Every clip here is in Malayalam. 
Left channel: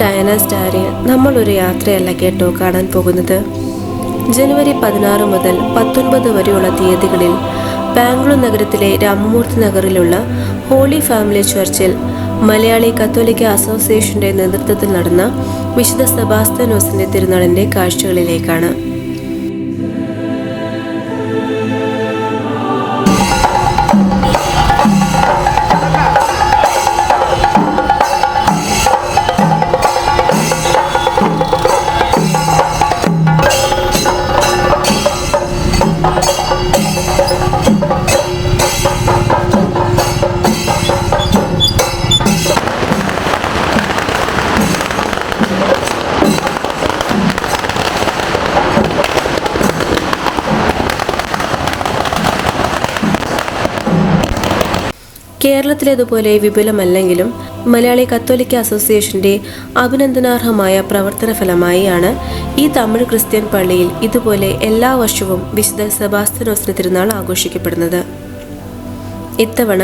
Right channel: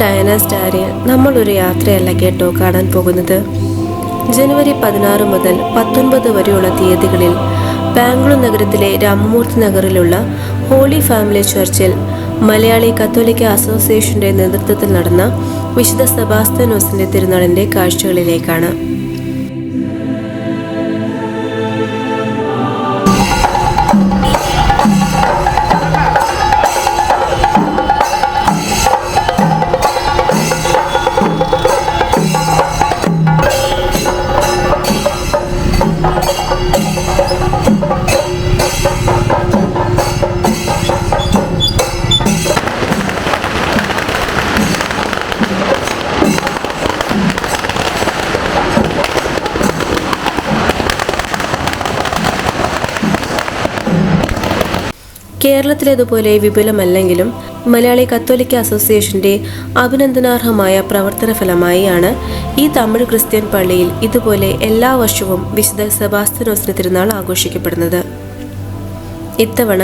ഡയാന സ്റ്റാറിൽ നമ്മൾ ഒരു യാത്രയല്ല കേട്ടോ കാണാൻ പോകുന്നത്. ജനുവരി 16 മുതൽ 19 വരെയുള്ള തീയതികളിൽ ബാംഗ്ലൂർ നഗരത്തിലെ രാമമൂർത്തി നഗറിലുള്ള ഹോളി ഫാമിലി ചർച്ചിൽ മലയാളി കത്തോലിക്ക അസോസിയേഷന്റെ നേതൃത്വത്തിൽ നടന്ന വിശുദ്ധ സെബാസ്ത്യാനോസിന്റെ തിരുനാളിന്റെ കാഴ്ചകളിലേക്കാണ്. കേരളത്തിലേതുപോലെ വിപുലമല്ലെങ്കിലും മലയാളി കത്തോലിക്ക അസോസിയേഷന്റെ അഭിനന്ദനാർഹമായ പ്രവർത്തന ഫലമായാണ് ഈ തമിഴ് ക്രിസ്ത്യൻ പള്ളിയിൽ ഇതുപോലെ എല്ലാ വർഷവും വിശുദ്ധ സെബാസ്ത്യാനോസിന്റെ തിരുനാൾ ആഘോഷിക്കപ്പെടുന്നത്. ഇത്തവണ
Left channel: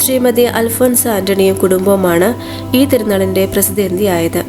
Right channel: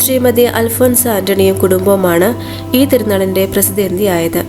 ശ്രീമതി അൽഫോൻസ ആന്റണിയും കുടുംബവുമാണ് ഈ തിരുനാളിന്റെ പ്രസിദ്ധീയായത്.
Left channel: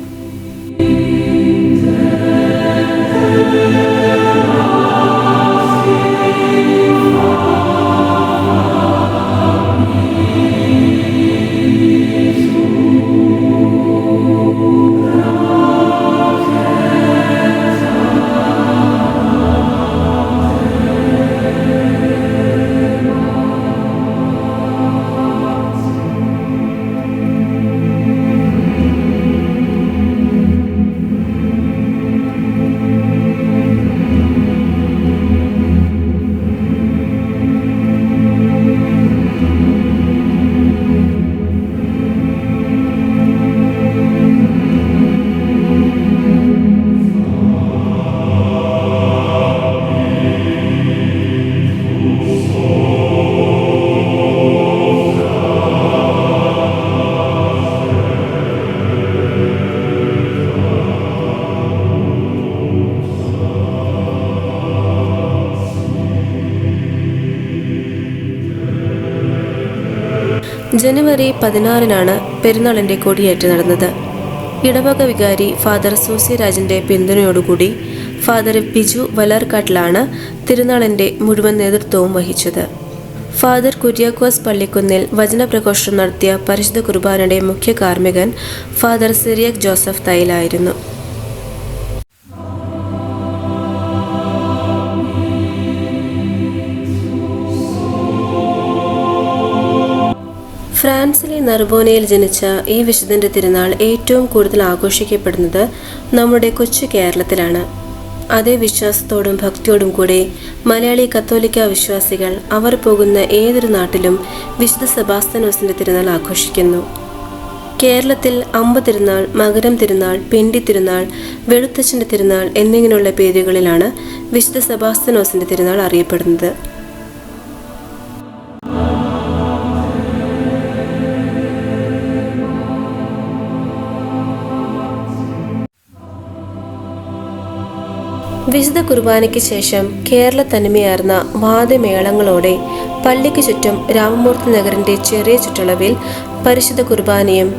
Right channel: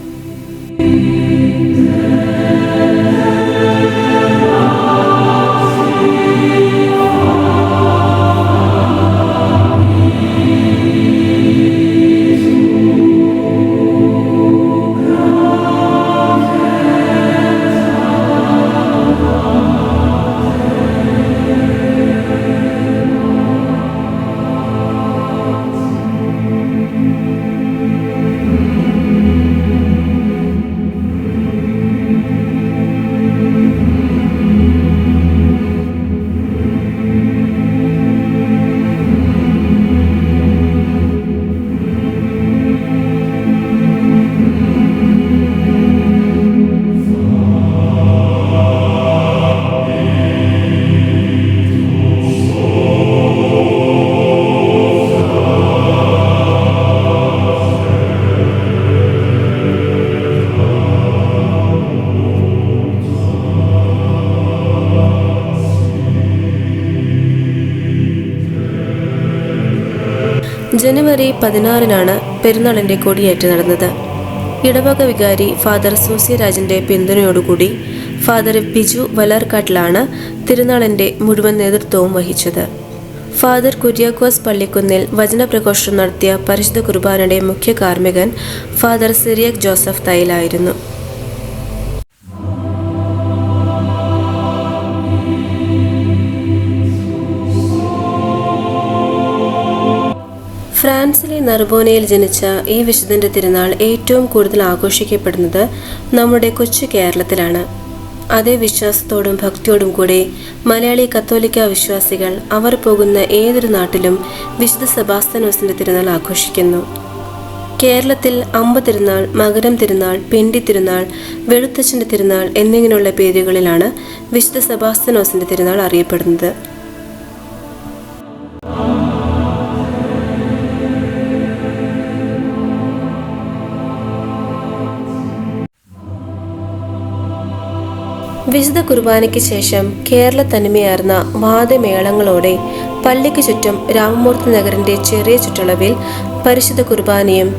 ജനുവരി 16 പെരുന്നാളിന്റെ കൊടിയേറ്റ് നടന്നത്. ഇടവക വികാരി ഫാദർ സൂസ്യരാജിന്റെ പിന്തുണയോടുകൂടി ഫാദർ ബിജു വലാർക്കാട്ടിലാണ് തിരുനാളിന്റെ മുഴുവൻ നേതൃത്വവും വഹിച്ചത്. ഫാദർ കുര്യാക്കോസ് പള്ളിക്കുന്നിൽ വചനപ്രഘോഷണം നടത്തിയ പരിശുദ്ധ കുർബാനയുടെ മുഖ്യ കാർമ്മികൻ ഫാദർ സിറിയക് ജോസഫ് തൈലായിരുന്നു. ഫ്രാൻസിലെ നർബോനയിൽ ജനിച്ച ഈ വിശുദ്ധന്റെ തിരുനാൾ ഏറ്റവും കൂടുതൽ ആഘോഷിക്കപ്പെടുന്നത് നമ്മുടെ കൊച്ചു കേരളത്തിലാണ്. അതേ വിശ്വാസത്തോടും ഭക്തിയോടും കൂടെ മലയാളി കത്തോലിക്ക വിശ്വാസികൾ അവർ പോകുന്ന ഏതൊരു നാട്ടിലും വിശുദ്ധ സെബാസ്ത്യാനോസിന്റെ തിരുനാൾ ആഘോഷിക്കുന്നു. കേരളത്തിൽ അമ്പ തിരുനാൾ, മകരം തിരുനാൾ, പിണ്ടി തിരുനാൾ, വെളുത്തച്ഛന്റെ തിരുനാൾ എന്നിങ്ങനെയുള്ള പേരുകളിലാണ് വിശുദ്ധ സെബാസ്ത്യാനോസിന്റെ തിരുനാൾ അറിയപ്പെടുന്നത്. വിശുദ്ധ കുർബാനയ്ക്ക് ശേഷം കേരള തനിമയാർന്ന വാദ്യമേളങ്ങളോടെ പള്ളിക്ക് ചുറ്റും രാമമൂർത്തി നഗറിന്റെ ചെറിയ ചുറ്റളവിൽ പരിശുദ്ധ കുർബാനയും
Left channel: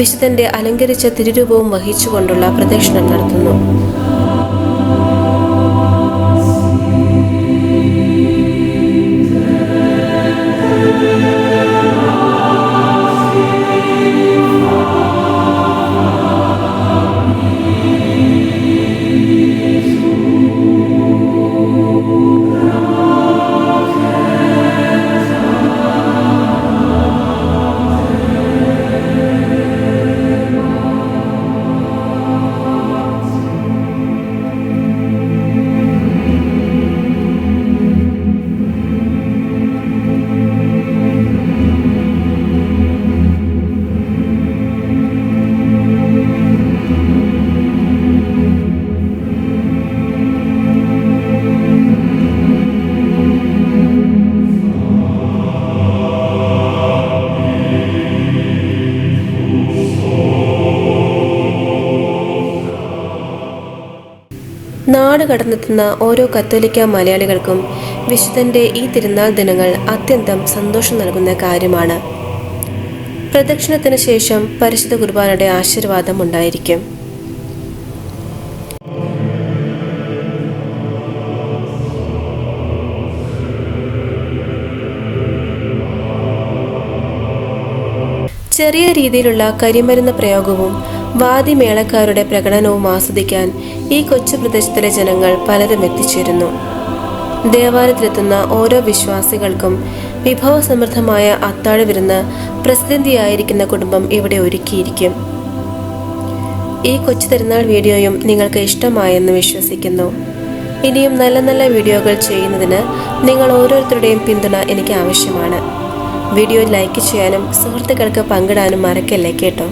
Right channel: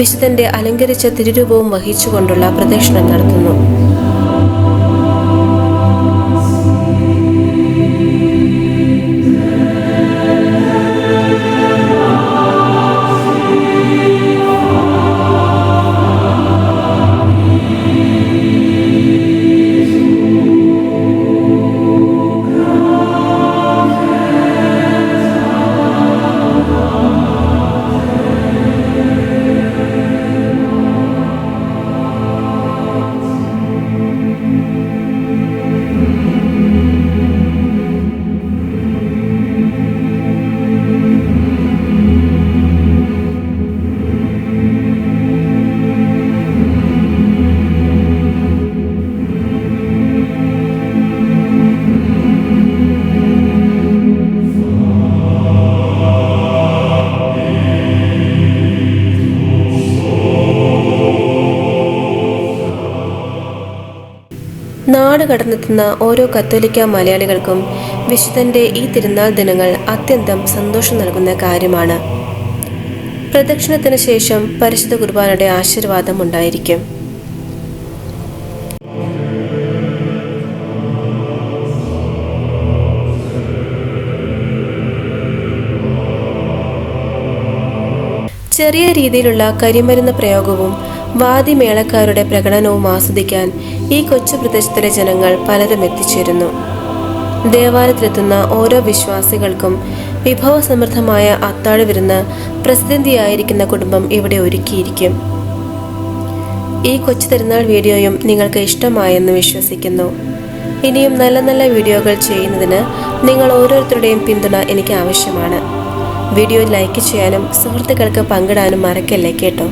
വിശുദ്ധന്റെ അലങ്കരിച്ച തിരുരൂപവും വഹിച്ചുകൊണ്ടുള്ള പ്രദക്ഷിണം നടത്തുന്നു. നാട് കടന്നെത്തുന്ന ഓരോ കത്തോലിക്ക മലയാളികൾക്കും വിശുദ്ധന്റെ ഈ തിരുനാൾ ദിനങ്ങൾ അത്യന്തം സന്തോഷം നൽകുന്ന കാര്യമാണ്. പ്രദക്ഷിണത്തിന് ശേഷം പരിശുദ്ധ കുർബാനയുടെ ആശീർവാദം ഉണ്ടായിരിക്കും. ചെറിയ രീതിയിലുള്ള കരിമരുന്ന് പ്രയോഗവും വാദിമേളക്കാരുടെ പ്രകടനവും ആസ്വദിക്കാൻ ഈ കൊച്ചു പ്രദേശത്തിലെ ജനങ്ങൾ പലരും എത്തിച്ചേരുന്നു. ദേവാലയത്തിലെത്തുന്ന ഓരോ വിശ്വാസികൾക്കും വിഭവസമൃദ്ധമായ അത്താഴ വിരുന്ന് പ്രസിദ്ധിയായിരിക്കുന്ന കുടുംബം ഇവിടെ ഒരുക്കിയിരിക്കും. ഈ കൊച്ചു തിരുനാൾ വീഡിയോയും നിങ്ങൾക്ക് ഇഷ്ടമായെന്ന് വിശ്വസിക്കുന്നു. ഇനിയും നല്ല നല്ല വീഡിയോകൾ ചെയ്യുന്നതിന് നിങ്ങൾ ഓരോരുത്തരുടെയും പിന്തുണ എനിക്ക് ആവശ്യമാണ്. വീഡിയോ ലൈക്ക് ചെയ്യാനും സുഹൃത്തുക്കൾക്ക് പങ്കിടാനും മറക്കല്ലേ കേട്ടോ.